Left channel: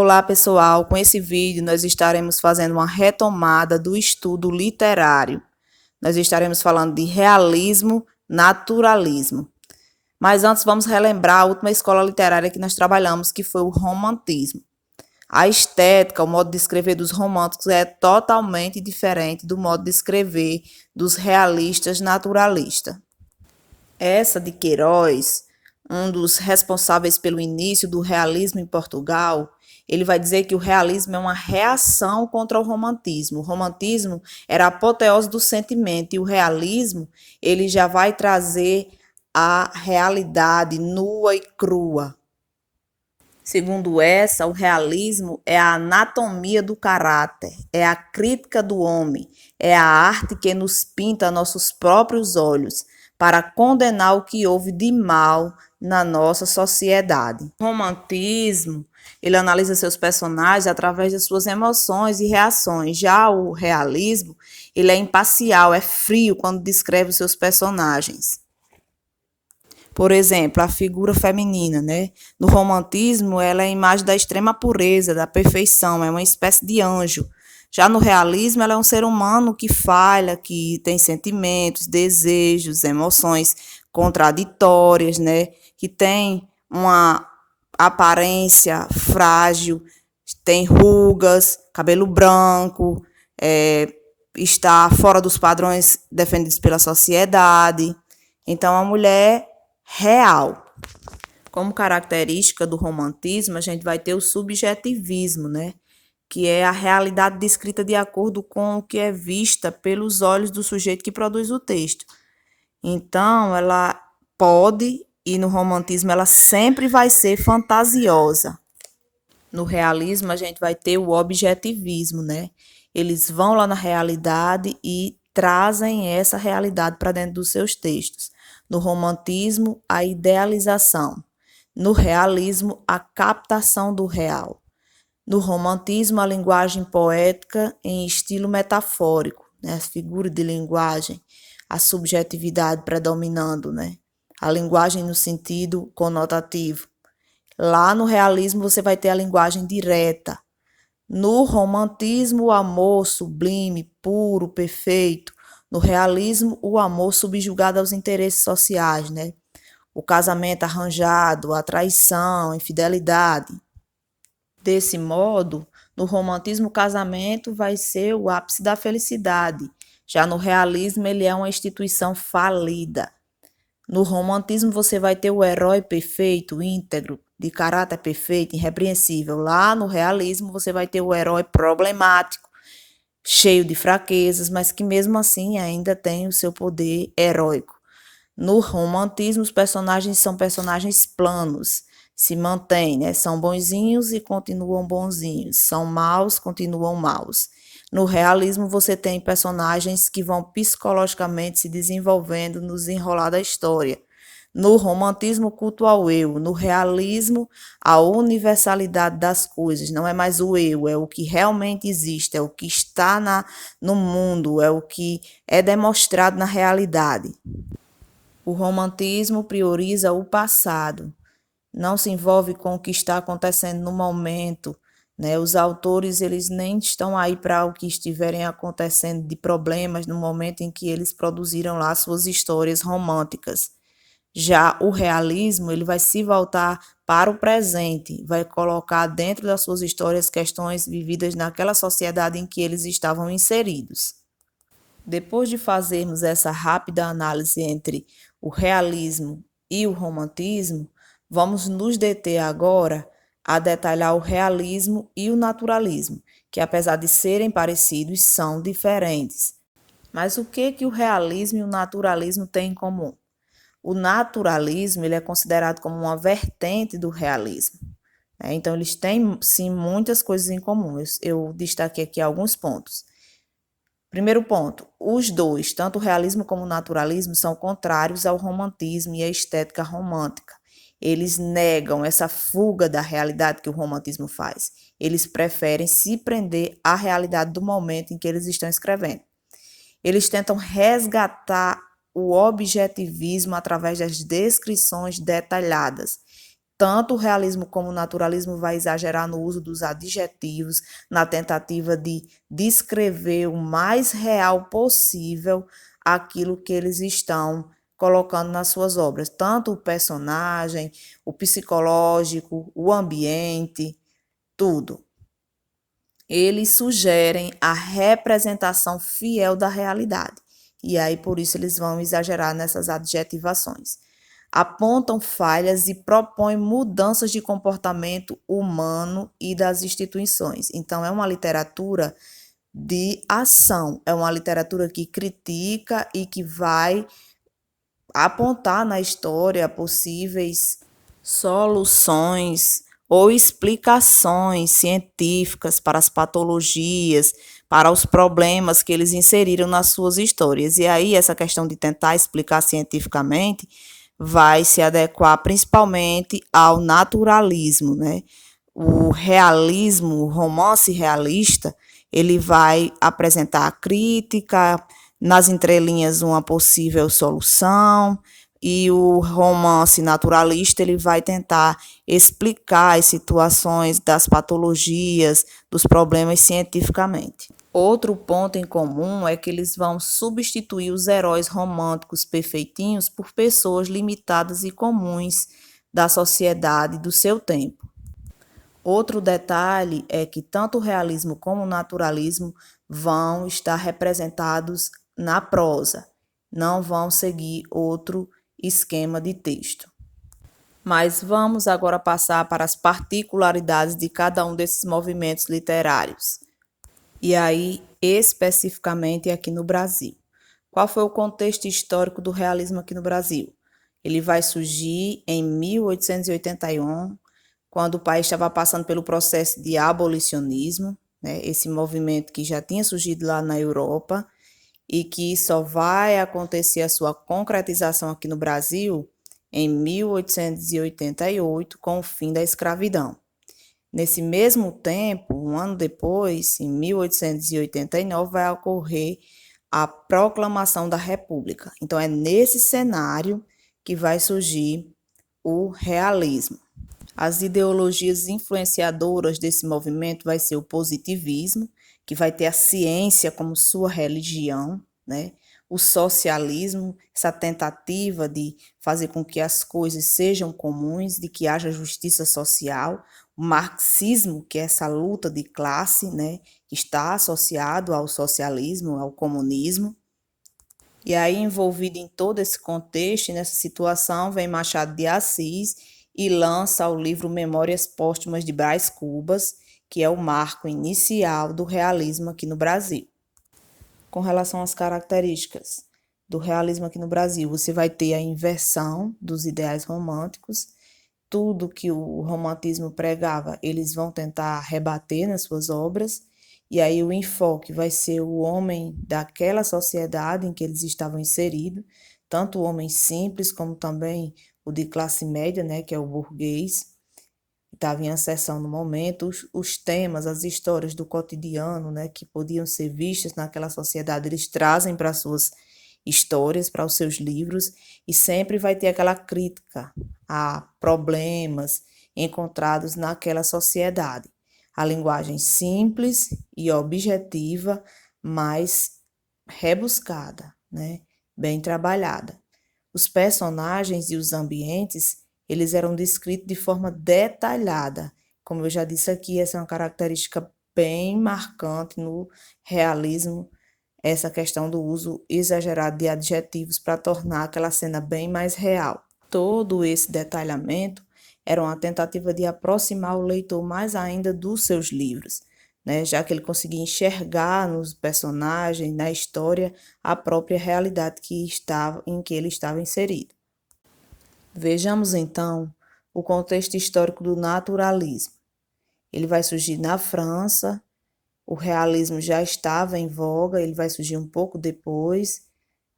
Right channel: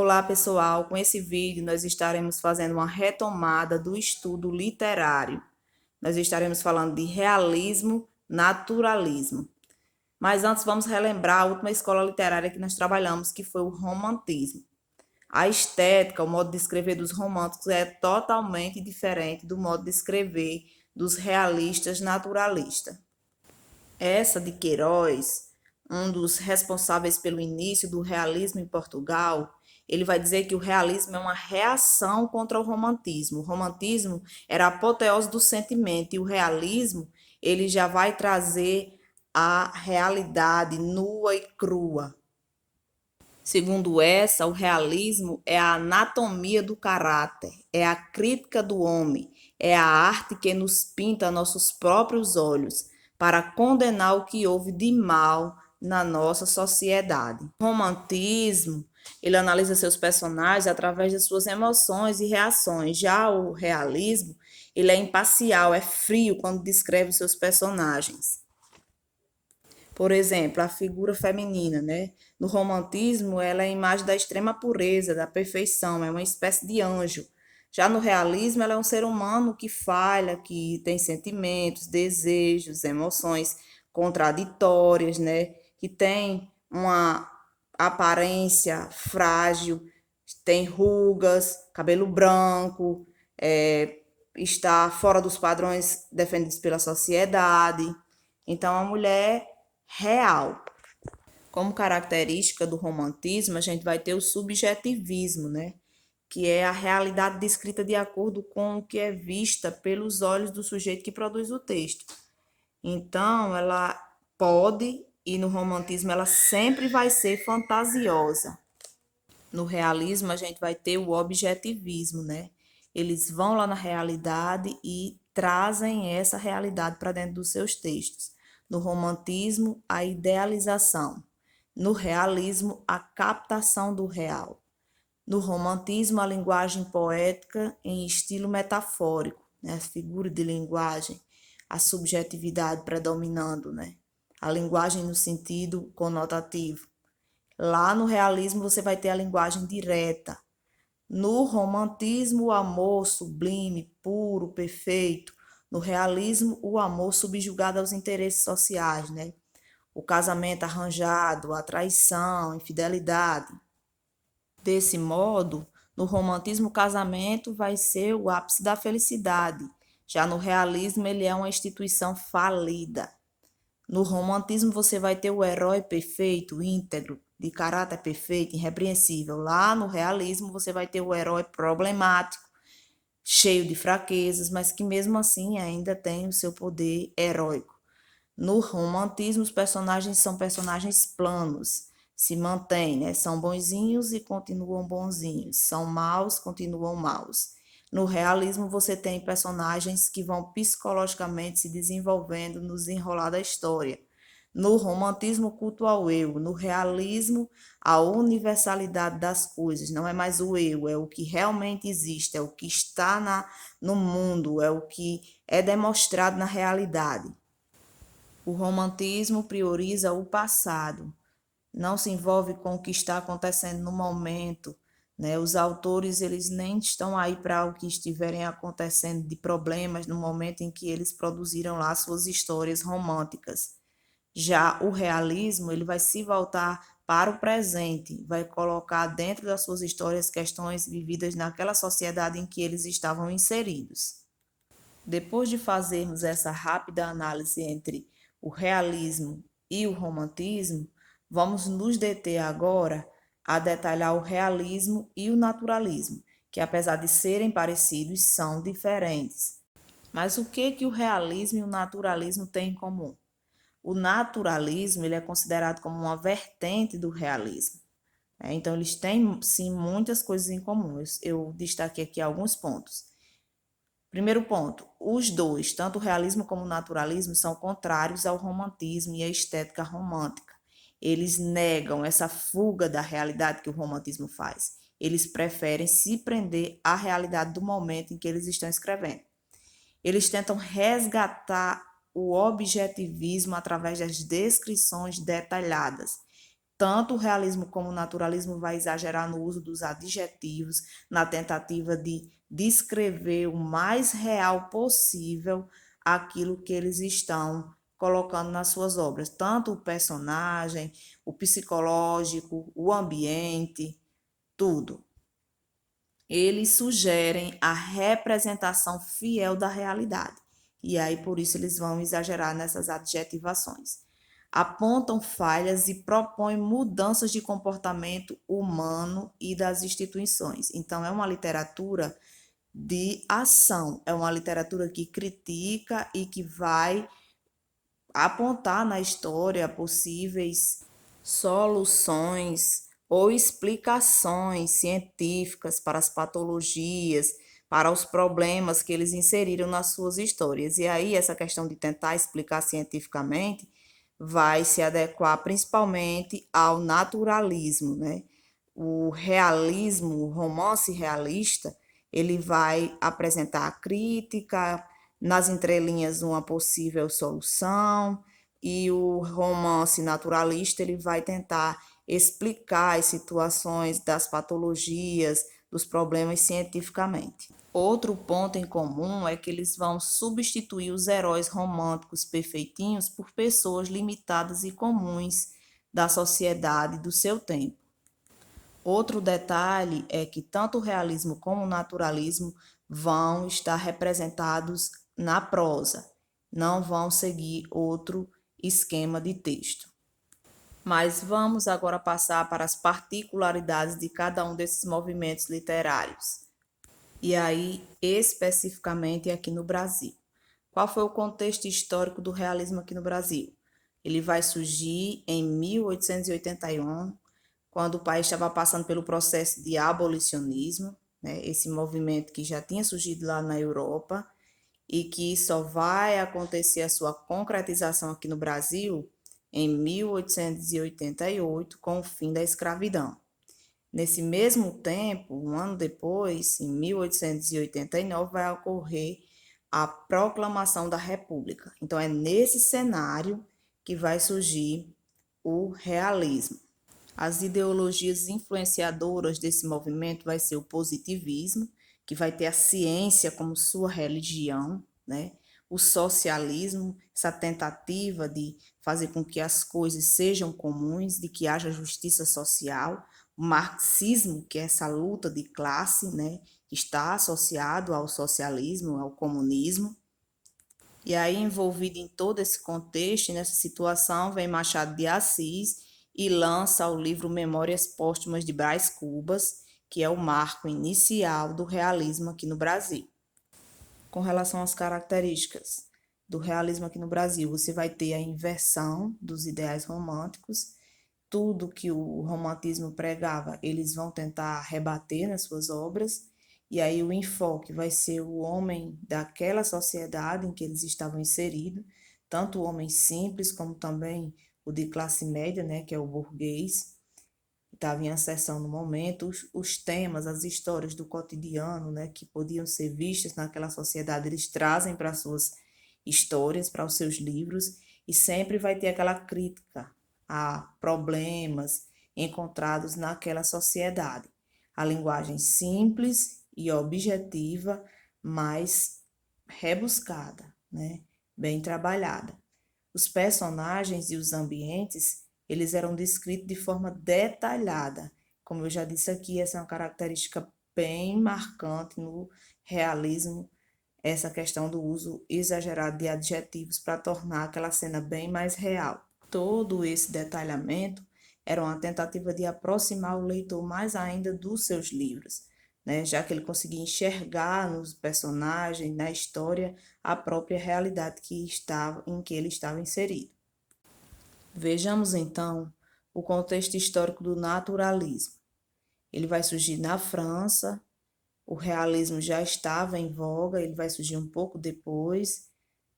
Olá, pessoal! Com esse vídeo, nós estaremos fazendo uma retomada do estudo literário. Nós estaremos falando de realismo, naturalismo. Mas antes, vamos relembrar a última escola literária que nós trabalhamos, que foi o romantismo. A estética, o modo de escrever dos românticos é totalmente diferente do modo de escrever dos realistas naturalistas. Essa de Queiroz, um dos responsáveis pelo início do realismo em Portugal, ele vai dizer que o realismo é uma reação contra o romantismo. O romantismo era a apoteose do sentimento e o realismo, ele já vai trazer a realidade nua e crua. Segundo essa, o realismo é a anatomia do caráter, é a crítica do homem, é a arte que nos pinta a nossos próprios olhos para condenar o que houve de mal na nossa sociedade. O romantismo, ele analisa seus personagens através das suas emoções e reações. Já o realismo, ele é imparcial, é frio quando descreve os seus personagens. Por exemplo, a figura feminina, né? No romantismo, ela é a imagem da extrema pureza, da perfeição, é uma espécie de anjo. Já no realismo, ela é um ser humano que falha, que tem sentimentos, desejos, emoções contraditórias, né? Que tem uma aparência frágil, tem rugas, cabelo branco, está fora dos padrões defendidos pela sociedade. Então, a mulher real. Como característica do romantismo, a gente vai ter o subjetivismo, né? Que é a realidade descrita de acordo com o que é vista pelos olhos do sujeito que produz o texto. Então, ela pode, e no romantismo ela sempre vai ser fantasiosa. No realismo, a gente vai ter o objetivismo, né? Eles vão lá na realidade e trazem essa realidade para dentro dos seus textos. No romantismo, a idealização. No realismo, a captação do real. No romantismo, a linguagem poética em estilo metafórico, né? As figuras de linguagem, a subjetividade predominando, né? A linguagem no sentido conotativo. Lá no realismo, você vai ter a linguagem direta. No romantismo, o amor sublime, puro, perfeito. No realismo, o amor subjugado aos interesses sociais, né? O casamento arranjado, a traição, a infidelidade. Desse modo, no romantismo, o casamento vai ser o ápice da felicidade. Já no realismo, ele é uma instituição falida. No romantismo, você vai ter o herói perfeito, íntegro, de caráter perfeito, irrepreensível. Lá no realismo, você vai ter o herói problemático, cheio de fraquezas, mas que mesmo assim ainda tem o seu poder heróico. No romantismo, os personagens são personagens planos, se mantêm, né? São bonzinhos e continuam bonzinhos, são maus, continuam maus. No realismo, você tem personagens que vão psicologicamente se desenvolvendo no desenrolar da história. No romantismo, culto ao eu. No realismo, a universalidade das coisas. Não é mais o eu, é o que realmente existe, é o que está no mundo, é o que é demonstrado na realidade. O romantismo prioriza o passado, não se envolve com o que está acontecendo no momento, né? Os autores, eles nem estão aí para o que estiverem acontecendo de problemas no momento em que eles produziram lá suas histórias românticas. Já o realismo, ele vai se voltar para o presente, vai colocar dentro das suas histórias questões vividas naquela sociedade em que eles estavam inseridos. Depois de fazermos essa rápida análise entre o realismo e o romantismo, vamos nos deter agora a detalhar o realismo e o naturalismo, que apesar de serem parecidos, são diferentes. Mas o que o realismo e o naturalismo têm em comum? O naturalismo, ele é considerado como uma vertente do realismo, né? Então, eles têm, sim, muitas coisas em comum. Eu destaquei aqui alguns pontos. Primeiro ponto, os dois, tanto o realismo como o naturalismo, são contrários ao romantismo e à estética romântica. Eles negam essa fuga da realidade que o romantismo faz. Eles preferem se prender à realidade do momento em que eles estão escrevendo. Eles tentam resgatar o objetivismo através das descrições detalhadas. tanto o realismo como o naturalismo vai exagerar no uso dos adjetivos, na tentativa de descrever o mais real possível aquilo que eles estão colocando nas suas obras, tanto o personagem, o psicológico, o ambiente, tudo. Eles sugerem a representação fiel da realidade. E aí, por isso, eles vão exagerar nessas adjetivações. Apontam falhas e propõem mudanças de comportamento humano e das instituições. Então, é uma literatura de ação, é uma literatura que critica e que vai apontar na história possíveis soluções ou explicações científicas para as patologias, para os problemas que eles inseriram nas suas histórias. E aí, essa questão de tentar explicar cientificamente vai se adequar principalmente ao naturalismo, né? O realismo, o romance realista, ele vai apresentar a crítica, nas entrelinhas uma possível solução, e o romance naturalista ele vai tentar explicar as situações das patologias, dos problemas cientificamente. Outro ponto em comum é que eles vão substituir os heróis românticos perfeitinhos por pessoas limitadas e comuns da sociedade do seu tempo. Outro detalhe é que tanto o realismo como o naturalismo vão estar representados na prosa, não vão seguir outro esquema de texto. Mas vamos agora passar para as particularidades de cada um desses movimentos literários. E aí, especificamente aqui no Brasil. Qual foi o contexto histórico do realismo aqui no Brasil? Ele vai surgir em 1881, quando o país estava passando pelo processo de abolicionismo, né? Esse movimento que já tinha surgido lá na Europa e que só vai acontecer a sua concretização aqui no Brasil em 1888, com o fim da escravidão. Nesse mesmo tempo, um ano depois, em 1889, vai ocorrer a proclamação da República. Então, é nesse cenário que vai surgir o realismo. As ideologias influenciadoras desse movimento vai ser o positivismo, que vai ter a ciência como sua religião, né? O socialismo, essa tentativa de fazer com que as coisas sejam comuns, de que haja justiça social. O marxismo, que é essa luta de classe, né? Que está associado ao socialismo, ao comunismo. E aí, envolvido em todo esse contexto, nessa situação, vem Machado de Assis e lança o livro Memórias Póstumas de Brás Cubas, que é o marco inicial do realismo aqui no Brasil. Com relação às características do realismo aqui no Brasil, você vai ter a inversão dos ideais românticos, tudo que o romantismo pregava, eles vão tentar rebater nas suas obras, e aí o enfoque vai ser o homem daquela sociedade em que eles estavam inseridos, tanto o homem simples como também o de classe média, né, que é o burguês, que estava em ascensão no momento, os temas, as histórias do cotidiano, né, que podiam ser vistas naquela sociedade, eles trazem para suas histórias, para os seus livros, e sempre vai ter aquela crítica a problemas encontrados naquela sociedade. A linguagem simples e objetiva, mas rebuscada, né? Bem trabalhada. Os personagens e os ambientes, eles eram descritos de forma detalhada. Como eu já disse aqui, essa é uma característica bem marcante no realismo, essa questão do uso exagerado de adjetivos para tornar aquela cena bem mais real. Todo esse detalhamento era uma tentativa de aproximar o leitor mais ainda dos seus livros, né? Já que ele conseguia enxergar nos personagens, na história, a própria realidade em que ele estava inserido. Vejamos então o contexto histórico do naturalismo. Ele vai surgir na França, o realismo já estava em voga, ele vai surgir um pouco depois,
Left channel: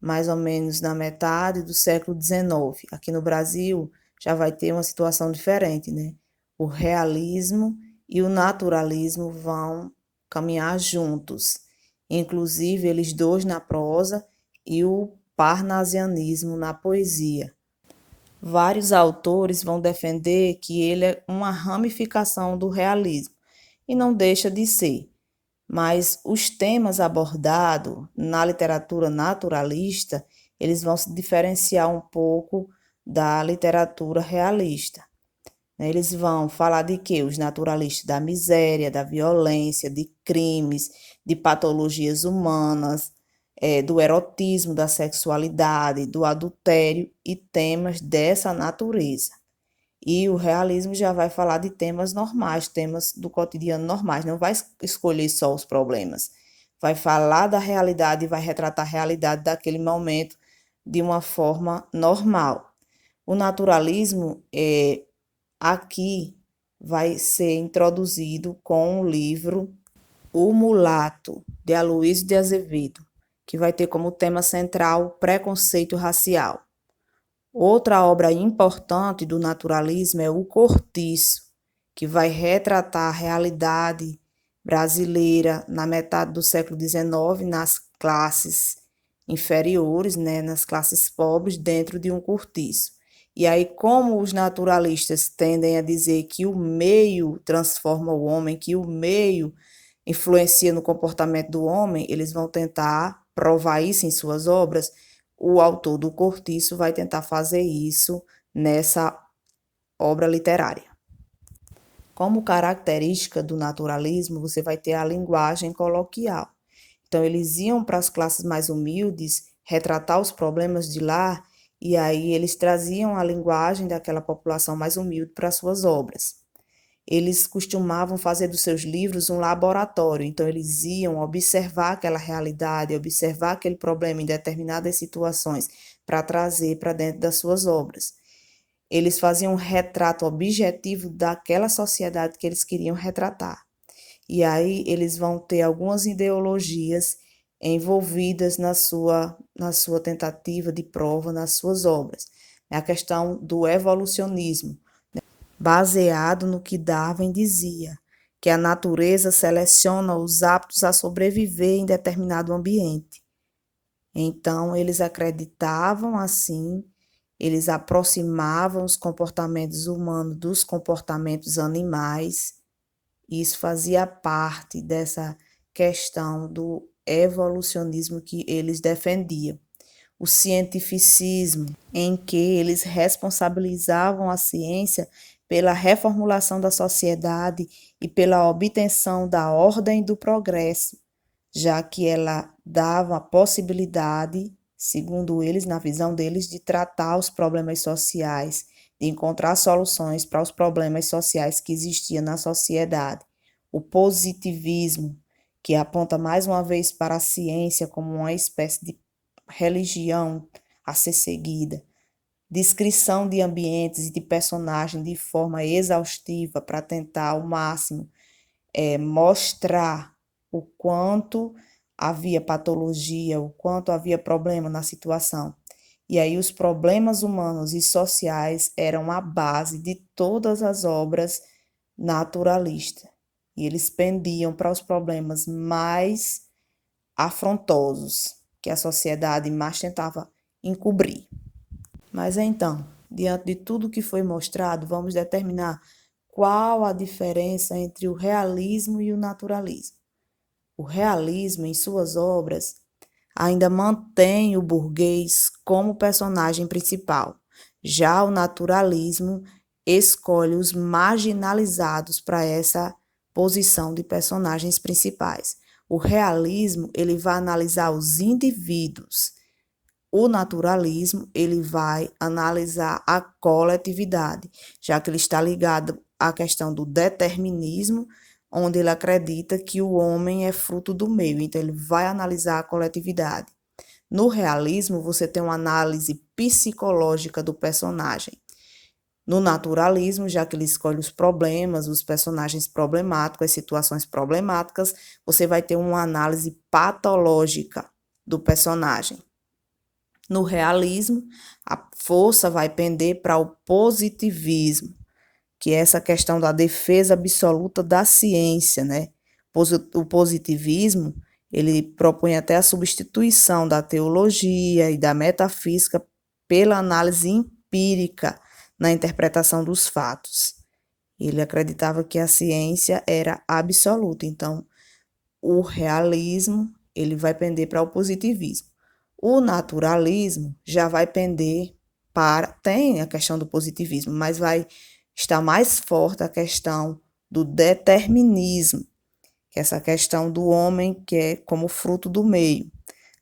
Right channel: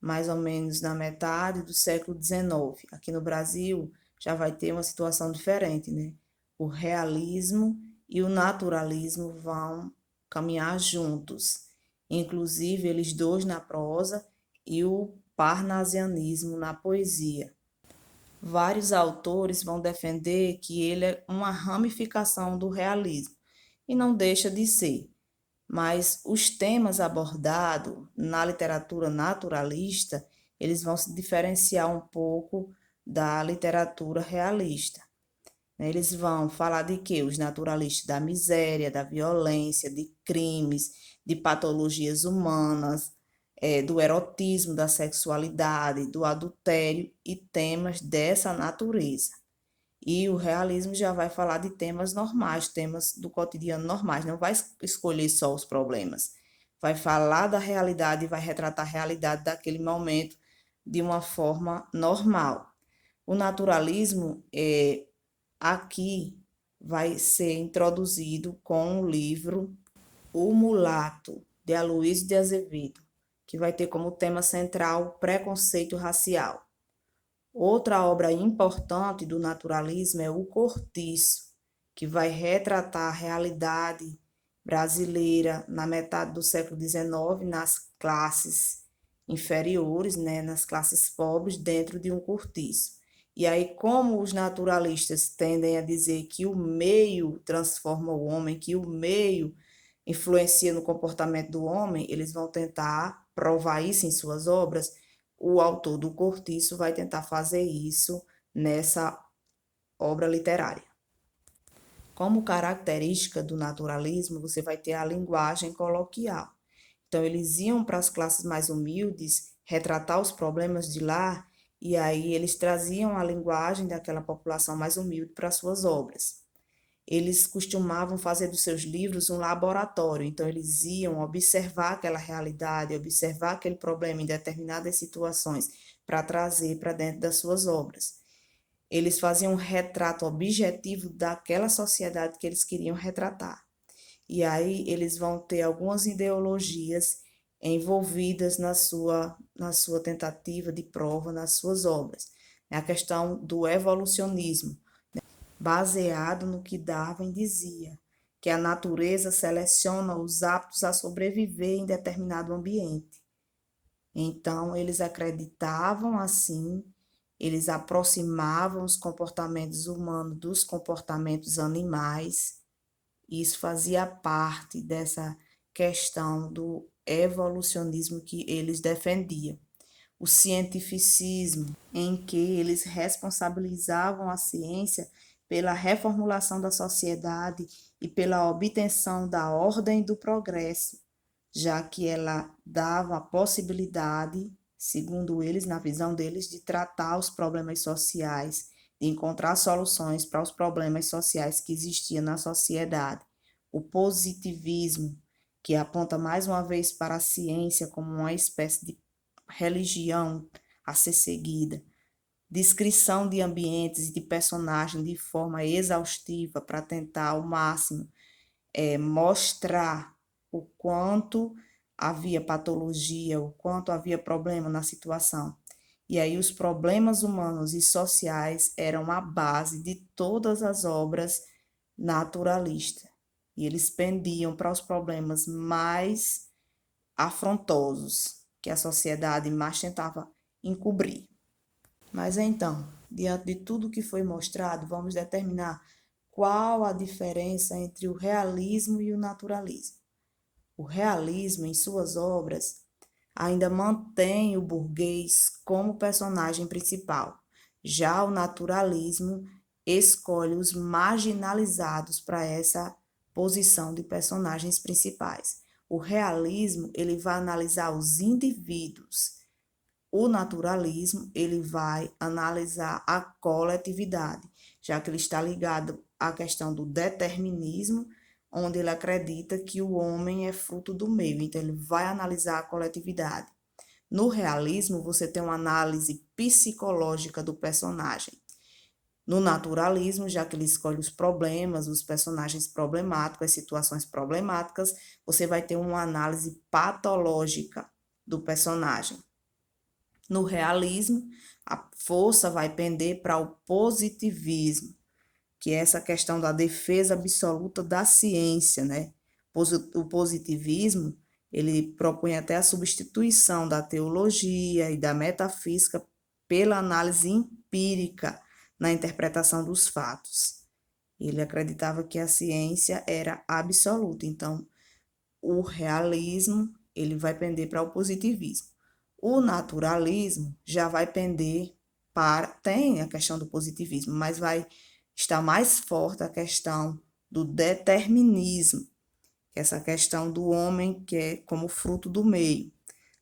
mais ou menos na metade do século XIX. Aqui no Brasil já vai ter uma situação diferente, né? O realismo e o naturalismo vão caminhar juntos, inclusive eles dois na prosa e o parnasianismo na poesia. Vários autores vão defender que ele é uma ramificação do realismo, e não deixa de ser. Mas os temas abordados na literatura naturalista, eles vão se diferenciar um pouco da literatura realista. Eles vão falar de quê? Os naturalistas da miséria, da violência, de crimes, de patologias humanas, do erotismo, da sexualidade, do adultério e temas dessa natureza. E o realismo já vai falar de temas normais, temas do cotidiano normais, não vai escolher só os problemas. Vai falar da realidade e vai retratar a realidade daquele momento de uma forma normal. O naturalismo aqui vai ser introduzido com o livro O Mulato, de Aloysio de Azevedo, que vai ter como tema central o preconceito racial. Outra obra importante do naturalismo é O Cortiço, que vai retratar a realidade brasileira na metade do século XIX, nas classes inferiores, né, nas classes pobres, dentro de um cortiço. E aí, como os naturalistas tendem a dizer que o meio transforma o homem, que o meio influencia no comportamento do homem, eles vão tentar provar isso em suas obras. O autor do Cortiço vai tentar fazer isso nessa obra literária. Como característica do naturalismo, você vai ter a linguagem coloquial. Então, eles iam para as classes mais humildes retratar os problemas de lá, e aí eles traziam a linguagem daquela população mais humilde para suas obras. Eles costumavam fazer dos seus livros um laboratório, então eles iam observar aquela realidade, observar aquele problema em determinadas situações para trazer para dentro das suas obras. Eles faziam um retrato objetivo daquela sociedade que eles queriam retratar. E aí eles vão ter algumas ideologias envolvidas na sua tentativa de prova nas suas obras. É a questão do evolucionismo, baseado no que Darwin dizia, que a natureza seleciona os aptos a sobreviver em determinado ambiente. Então, eles acreditavam assim, eles aproximavam os comportamentos humanos dos comportamentos animais. Isso fazia parte dessa questão do evolucionismo que eles defendiam. O cientificismo, em que eles responsabilizavam a ciência pela reformulação da sociedade e pela obtenção da ordem do progresso, já que ela dava a possibilidade, segundo eles, na visão deles, de tratar os problemas sociais, de encontrar soluções para os problemas sociais que existiam na sociedade. O positivismo, que aponta mais uma vez para a ciência como uma espécie de religião a ser seguida, descrição de ambientes e de personagens de forma exaustiva para tentar ao máximo mostrar o quanto havia patologia, o quanto havia problema na situação. E aí os problemas humanos e sociais eram a base de todas as obras naturalistas. E eles pendiam para os problemas mais afrontosos que a sociedade mais tentava encobrir. Mas então, diante de tudo que foi mostrado, vamos determinar qual a diferença entre o realismo e o naturalismo. O realismo, em suas obras, ainda mantém o burguês como personagem principal. Já o naturalismo escolhe os marginalizados para essa posição de personagens principais. O realismo, ele vai analisar os indivíduos. O naturalismo, ele vai analisar a coletividade, já que ele está ligado à questão do determinismo, onde ele acredita que o homem é fruto do meio, então ele vai analisar a coletividade. No realismo, você tem uma análise psicológica do personagem. No naturalismo, já que ele escolhe os problemas, os personagens problemáticos, as situações problemáticas, você vai ter uma análise patológica do personagem. No realismo, a força vai pender para o positivismo, que é essa questão da defesa absoluta da ciência, né? O positivismo, ele propõe até a substituição da teologia e da metafísica pela análise empírica na interpretação dos fatos. Ele acreditava que a ciência era absoluta, então o realismo ele vai pender para o positivismo. O naturalismo já vai pender para, tem a questão do positivismo, mas vai estar mais forte a questão do determinismo, que é essa questão do homem que é como fruto do meio.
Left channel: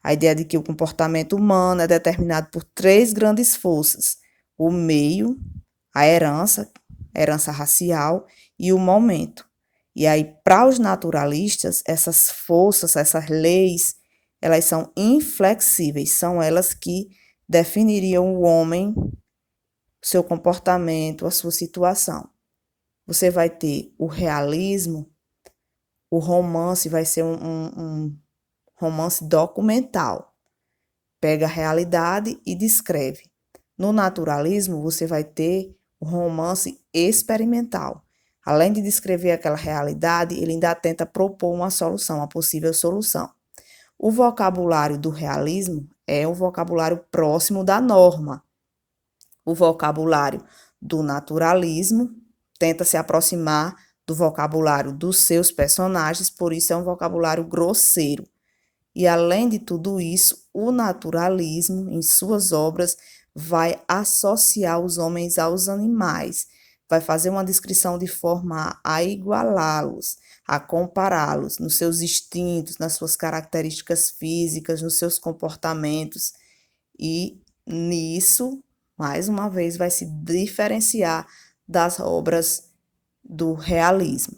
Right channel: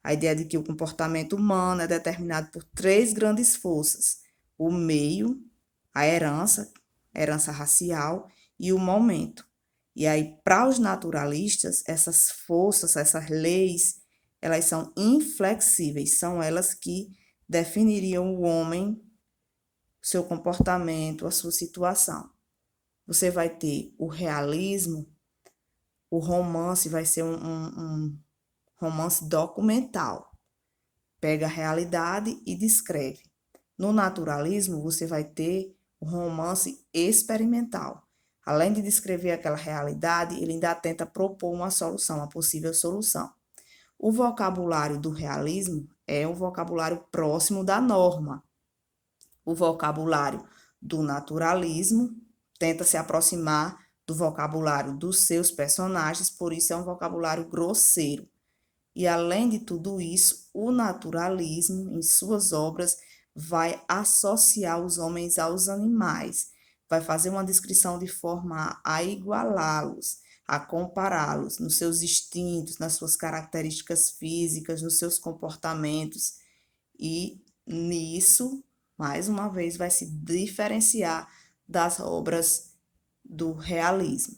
A ideia de que o comportamento humano é determinado por três grandes forças: o meio, a herança racial e o momento. E aí, para os naturalistas, essas forças, essas leis, elas são inflexíveis, são elas que definiriam o homem, seu comportamento, a sua situação. Você vai ter o realismo, o romance vai ser um romance documental. Pega a realidade e descreve. No naturalismo, você vai ter o romance experimental. Além de descrever aquela realidade, ele ainda tenta propor uma solução, uma possível solução. O vocabulário do realismo é o vocabulário próximo da norma. O vocabulário do naturalismo tenta se aproximar do vocabulário dos seus personagens, por isso é um vocabulário grosseiro. E além de tudo isso, o naturalismo, em suas obras, vai associar os homens aos animais, vai fazer uma descrição de forma a igualá-los, a compará-los nos seus instintos, nas suas características físicas, nos seus comportamentos. E nisso, mais uma vez, vai se diferenciar das obras do realismo.